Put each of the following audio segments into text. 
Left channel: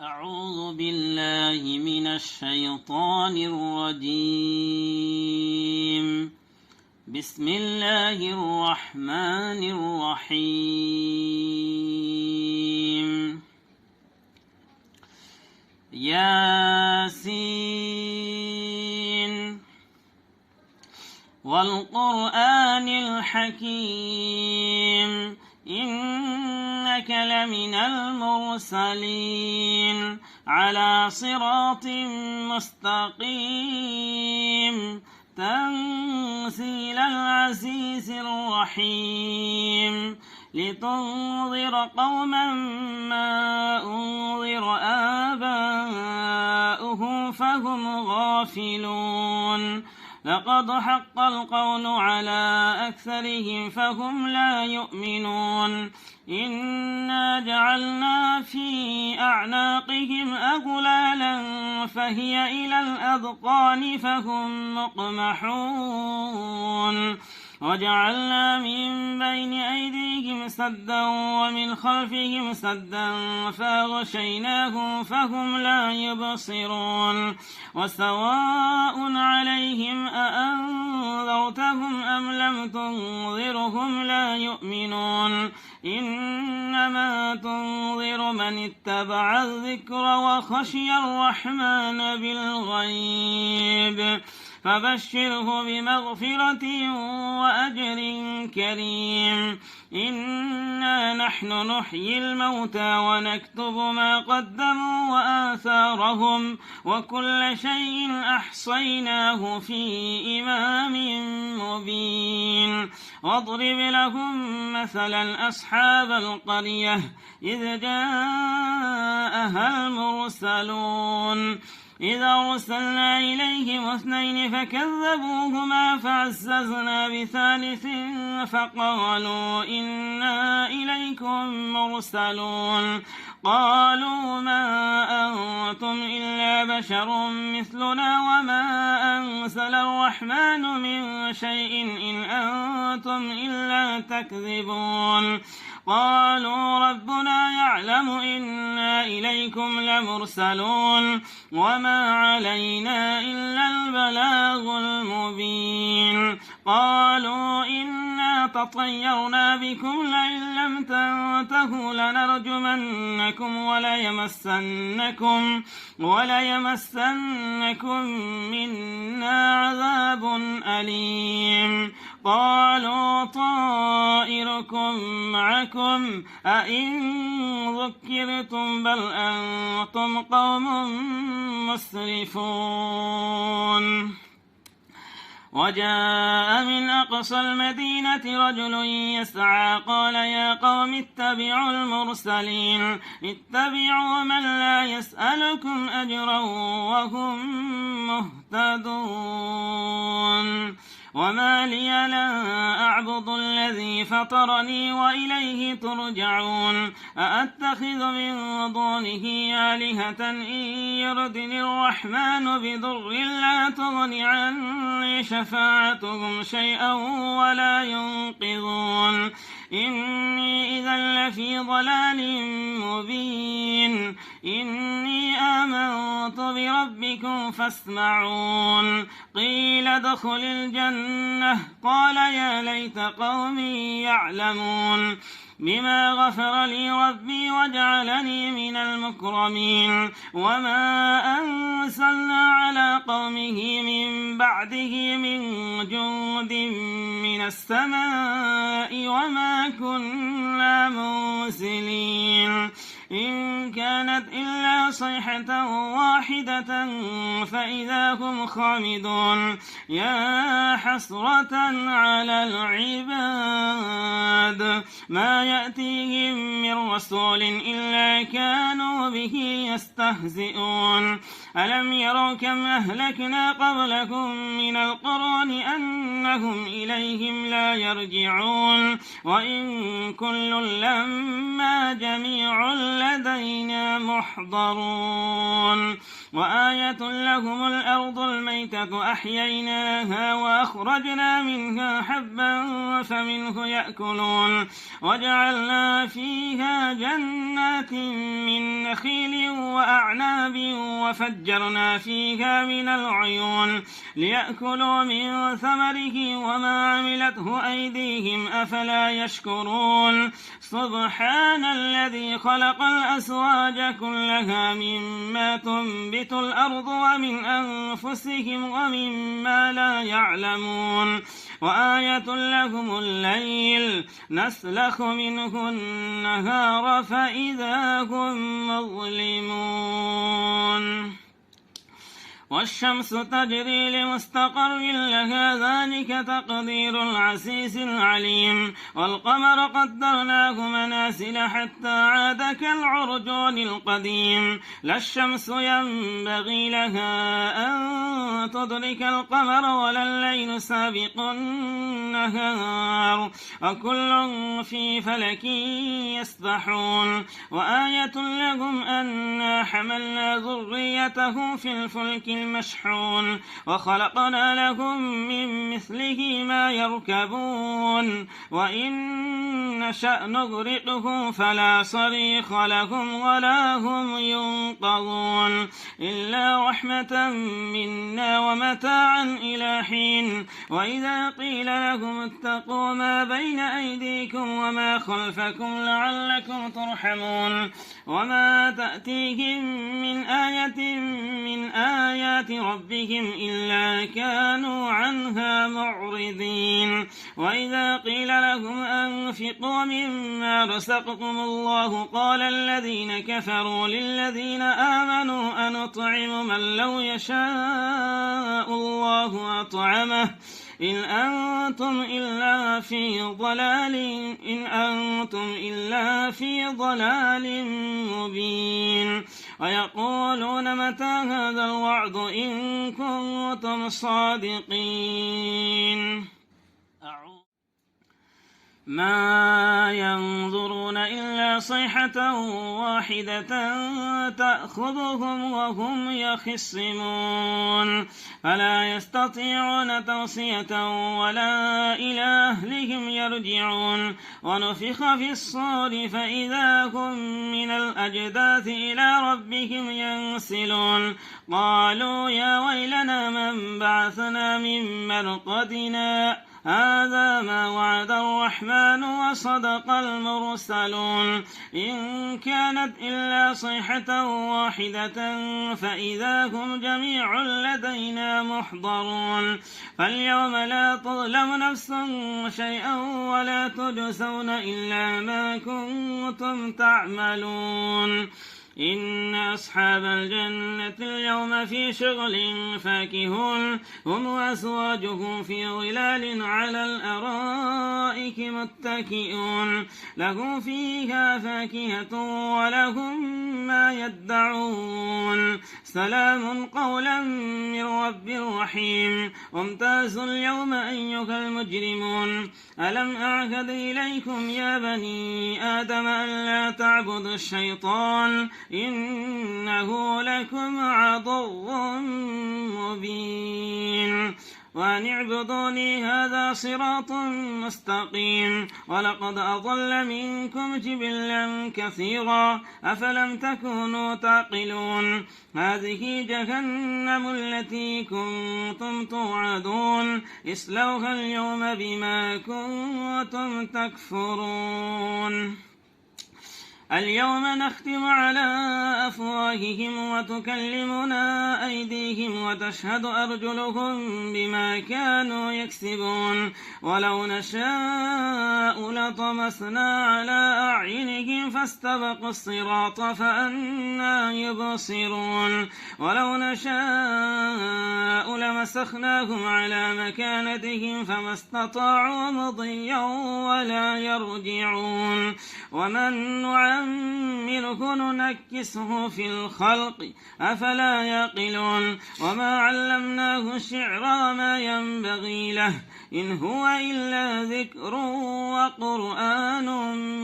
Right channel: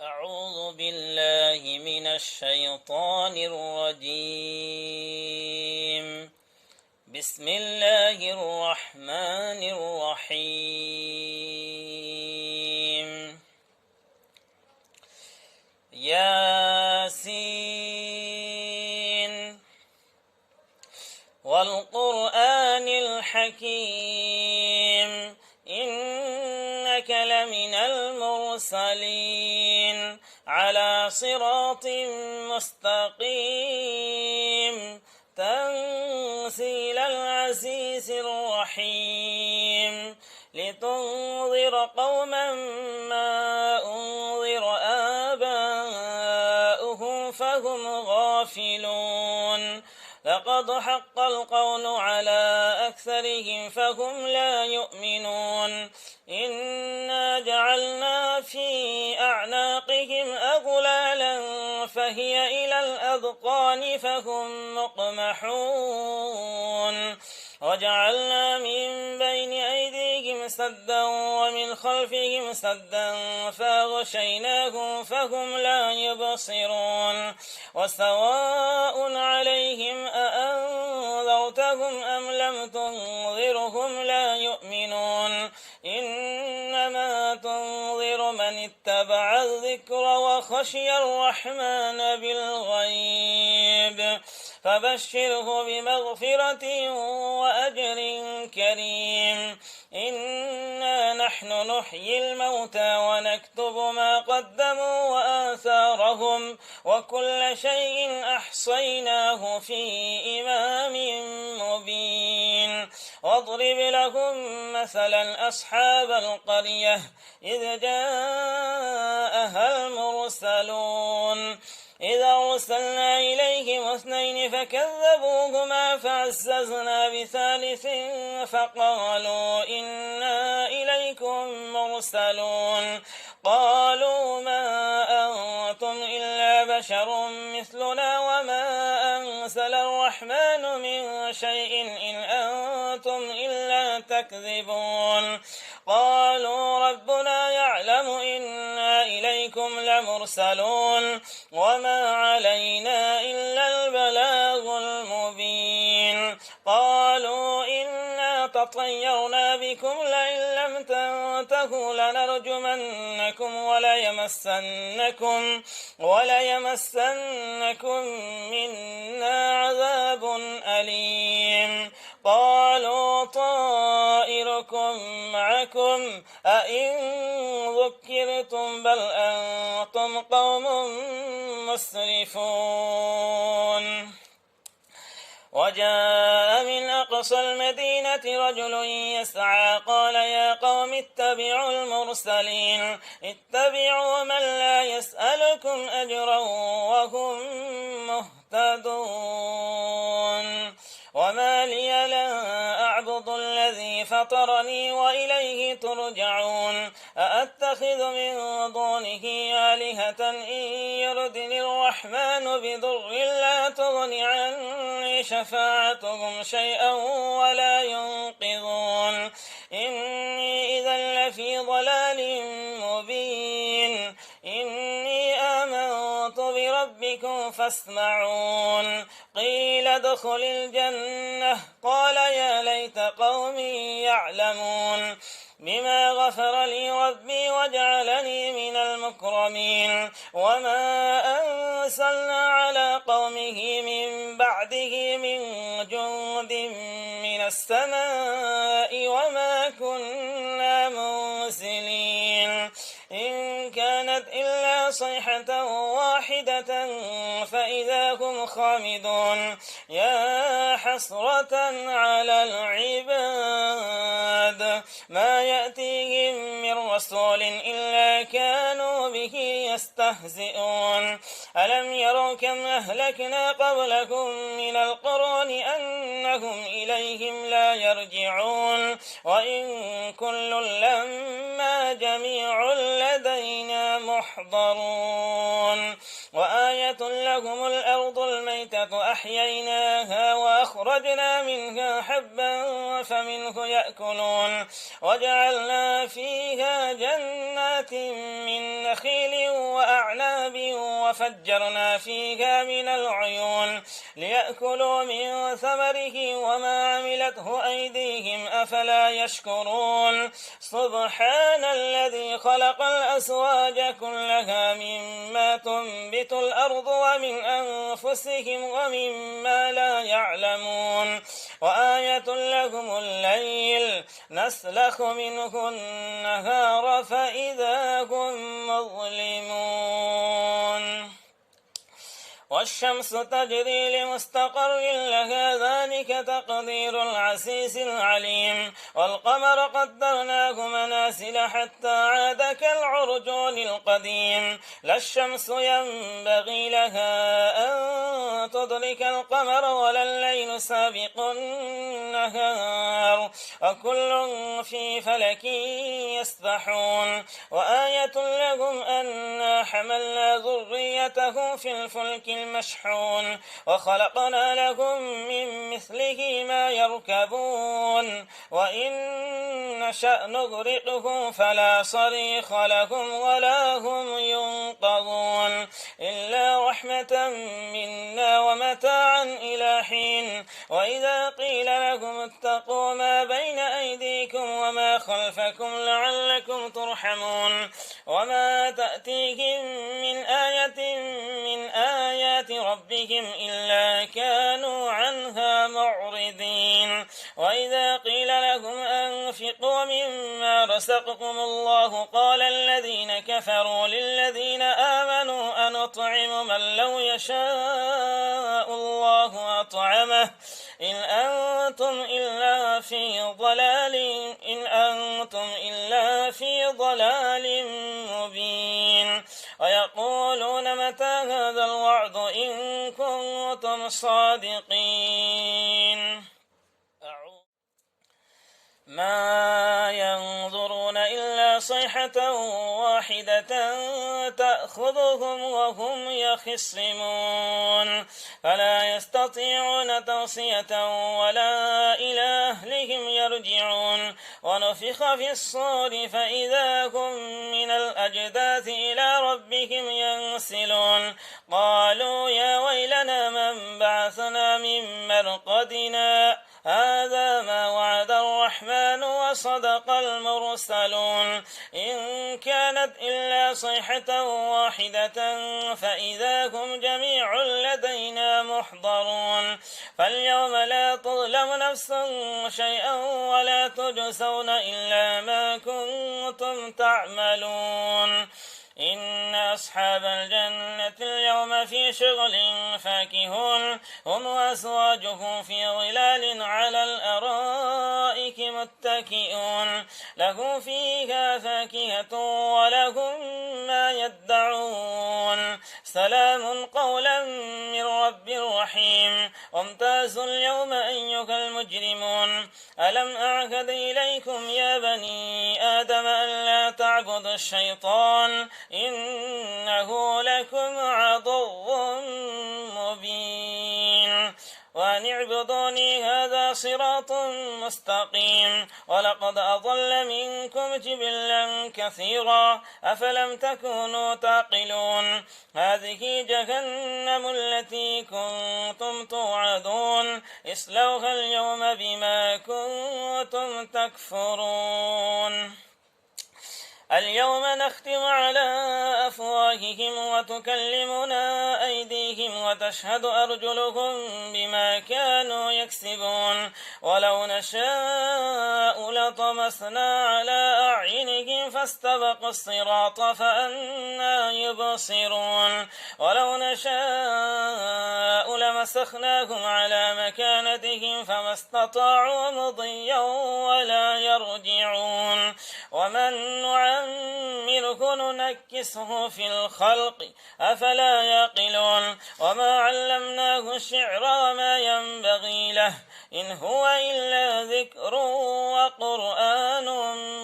أعوذ بالله من الشيطان الرجيم. بسم الله الرحمن الرحيم. ياسين والقرآن الحكيم إنك لمن المرسلين على صراط مستقيم تنزيل العزيز الرحيم لتنذر قوما ما أنذر آباؤهم فهم غافلون لقد حق القول على أكثرهم فهم لا يؤمنون إنا جعلنا في أعناقهم أغلالا فهي إلى الأذقان فهم مقمحون وجعلنا من بين أيديهم سدا ومن خلفهم سدا فأغشيناهم فهم لا يبصرون وسواء عليهم أأنذرتهم أم لم تنذرهم لا يؤمنون إنما تنذر من اتبع الذكر وخشي الرحمن بالغيب فبشره بمغفرة وأجر كريم إنا نحن نحيي الموتى ونكتب ما قدموا وآثارهم وكل شيء أحصيناه في إمام مبين واضرب لهم مثلا أصحاب القرية إذ جاءها المرسلون إذا أرسلنا إليهم اثنين فكذبوهما فعززنا بثالث فقالوا إنا إليكم مرسلون قالوا ما أنتم إلا بشر مثلنا وما أنزل الرحمن من شيء إن أنتم إلا تكذبون قالوا ربنا يعلم إنا إليكم لمرسلون وما علينا إلا البلاغ المبين قالوا إنا تطيرنا بكم لئن لم تنتهوا لنرجمنكم وليمسنكم منا عذاب أليم قالوا طائركم معكم أئن ذكرتم بل أنتم قوم مسرفون وجاء من أقصى المدينة رجل يسعى قال يا قوم اتبعوا المرسلين اتبعوا من لا يسألكم أجرا وهم مهتدون وما لي لا أعبد الذي فطرني وإليه ترجعون أأتخذ من دونه آلهة إن يردني الرحمن بضر لا تغن عني شفاعتهم شيئا ولا ينقذون إني إذا لفي ضلال مبين إني آمنت بربكم فاسمعون قيل ادخل الجنة قال يا ليت قومي يعلمون بما غفر لي ربي وجعلني من المكرمين وما أنزلنا على قومه من بعده من جند من السماء وما كنا منزلين إن كانت إلا صيحة واحدة فإذا هم خامدون يا حسرة على العباد ما يأتيهم من رسول إلا كانوا به يستهزئون ألم يروا كم أهلكنا قبلكم من القرون أنهم إليهم لا يرجعون وإن كل لما جميع لدينا محضرون وآية لهم الأرض الميتة أحييناها وأخرجنا منها حبا فمنه يأكلون وجعلنا فيها جنات من نخيل وأعناب وفجرنا فيها من العيون ليأكلوا من ثمره وما عملته أيديهم أفلا يشكرون سبحان الذي خلق الأزواج كلها مما تنبت الأرض ومن أنفسهم ومما لا يعلمون وآية لهم الليل نسلخ منه النهار فإذا هم مظلمون والشمس تجري لمستقر لها ذلك تقدير العزيز العليم والقمر قدرناه منازل حتى عاد كالعرجون القديم لا الشمس ينبغي لها أن تدرك القمر ولا الليل سابق النهار وكل في فلك يسبحون وآية لهم أنا حملنا ذريته في الفلك المشحون وخلقنا لهم من مثله ما يركبون وإن نشأ نغرقهم فلا صريخ لهم ولا هم ينقذون إلا رحمة منا ومتاعا إلى حين وإذا قيل لهم اتقوا ما بين أيديكم وما خلفكم لعلكم ترحمون وما تأتيهم من آية من آيات ربهم إلا كانوا عنها معرضين وإذا قيل لهم أنفقوا مما رزقكم الله قال الذين كفروا للذين آمنوا أنطعم من لو يشاء الله أطعمه إن أنتم إلا في ضلال مبين ويقولون متى هذا الوعد إن كنتم صادقين ما ينظرون إلا صيحة واحدة تأخذهم وهم يخصمون فلا يستطيعون توصية ولا إلى أهلهم يرجعون ونفخ في الصور فإذا هم من الأجداث إلى ربهم ينسلون قالوا يا ويلنا من بعثنا من مرقدنا هذا ما وعد الرحمن وصدق المرسلون إن كانت إلا صيحة واحدة فإذا هم جميع لدينا محضرون فاليوم لا تظلم نفس شيئا ولا تجزون إلا ما كنتم تعملون إن أصحاب الجنة اليوم في شغل فاكهون هم وأزواجهم في ظلال على الأرائك متكئون لهم فيها فاكهة ولهم ما يدعون سلام قولا من رب رحيم وامتازوا اليوم أيها المجرمون ألم أعهد إليكم يا بني آدم ألا تعبدوا الشيطان إنه لكم عدو مبين وأن اعبدوني هذا صراط مستقيم ولقد أضل منكم جبلا كثيرا أفلم تكونوا تعقلون هذه جهنم التي كنتم توعدون اصلوها اليوم بما كنتم تكفرون اليوم نختم على أفواههم وتكلمنا أيديهم وتشهد أرجلهم بما كانوا يكسبون ولو نشاء لطمسنا على أعينهم فاستبقوا الصراط فأنى يبصرون ولو نشاء لمسخناهم على مكانتهم فما استطاعوا مضيا ولا يرجعون ومن نعمره ننكسه في الخلق أفلا يعقلون وما علمناه الشعر وما ينبغي له إن هو إلا ذكر وقرآن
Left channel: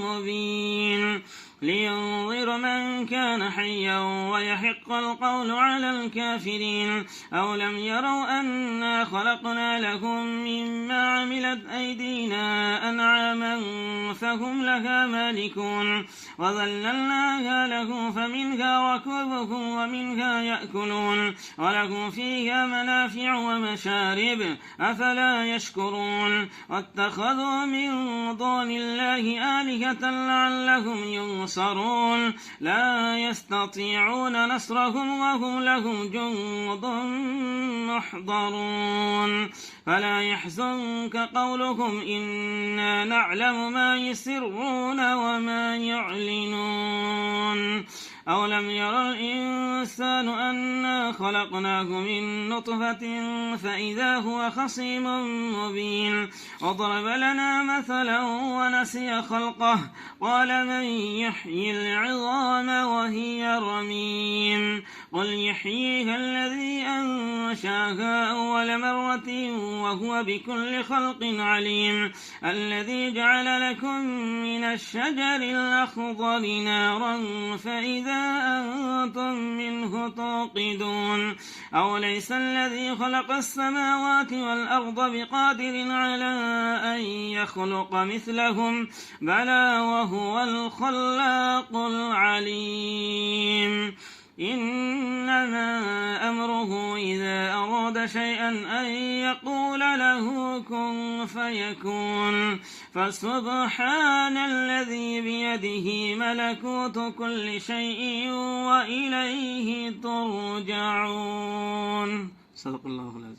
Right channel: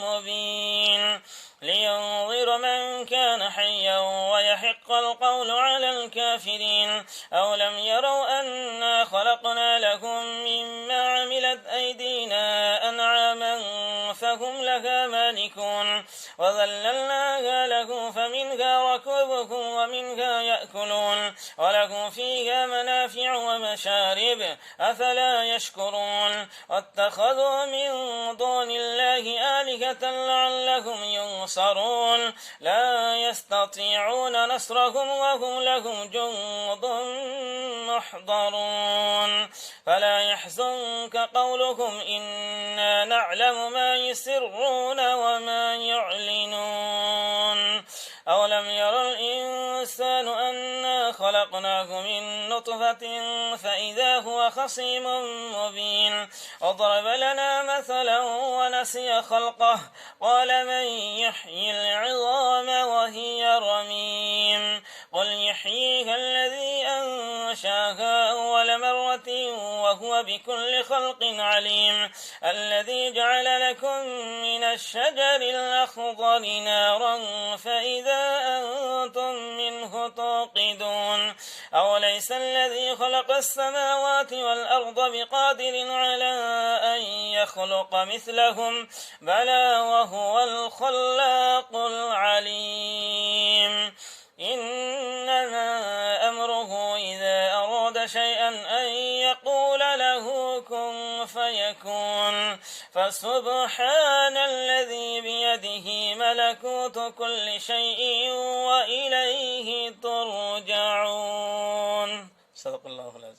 مبين لينظر من كان حيا ويحق القول على الكافرين. أولم يروا أنا خلقنا لهم مما عملت أيدينا أنعاما فهم لها مالكون وذللناها له فمنها ركوبهم ومنها يأكلون ولهم فيها منافع ومشارب أفلا يشكرون. واتخذوا من دون الله آلهة لعلهم ينصرون لا يستطيعون نصرهم وهم لهم جند محضرون. فلا يحزنك قولهم إنا نعلم ما يسرون وما يعلنون. أولم يرى الإنسان أنا خلقناه من نطفة فإذا هو خصيم مبين. وضرب لنا مثلا ونسي خلقه قال من يحيي العظام وهي رميم قل يحييها الذي أنشاها أول مرة وهو بكل خلق عليم. الذي جعل لكم من الشجر الأخضر نارا فإذا أنتم منه توقدون. أوليس الذي خلق السماوات والأرض بقادر على أن يخلق مثلهم بلى وهو الخلاق العليم. إنما أمره إذا أراد شيئا أن يقول له كن فيكون. فسبحان الذي بيده ملكوت كل شيء وإليه ترجعون. صدق الله العظيم.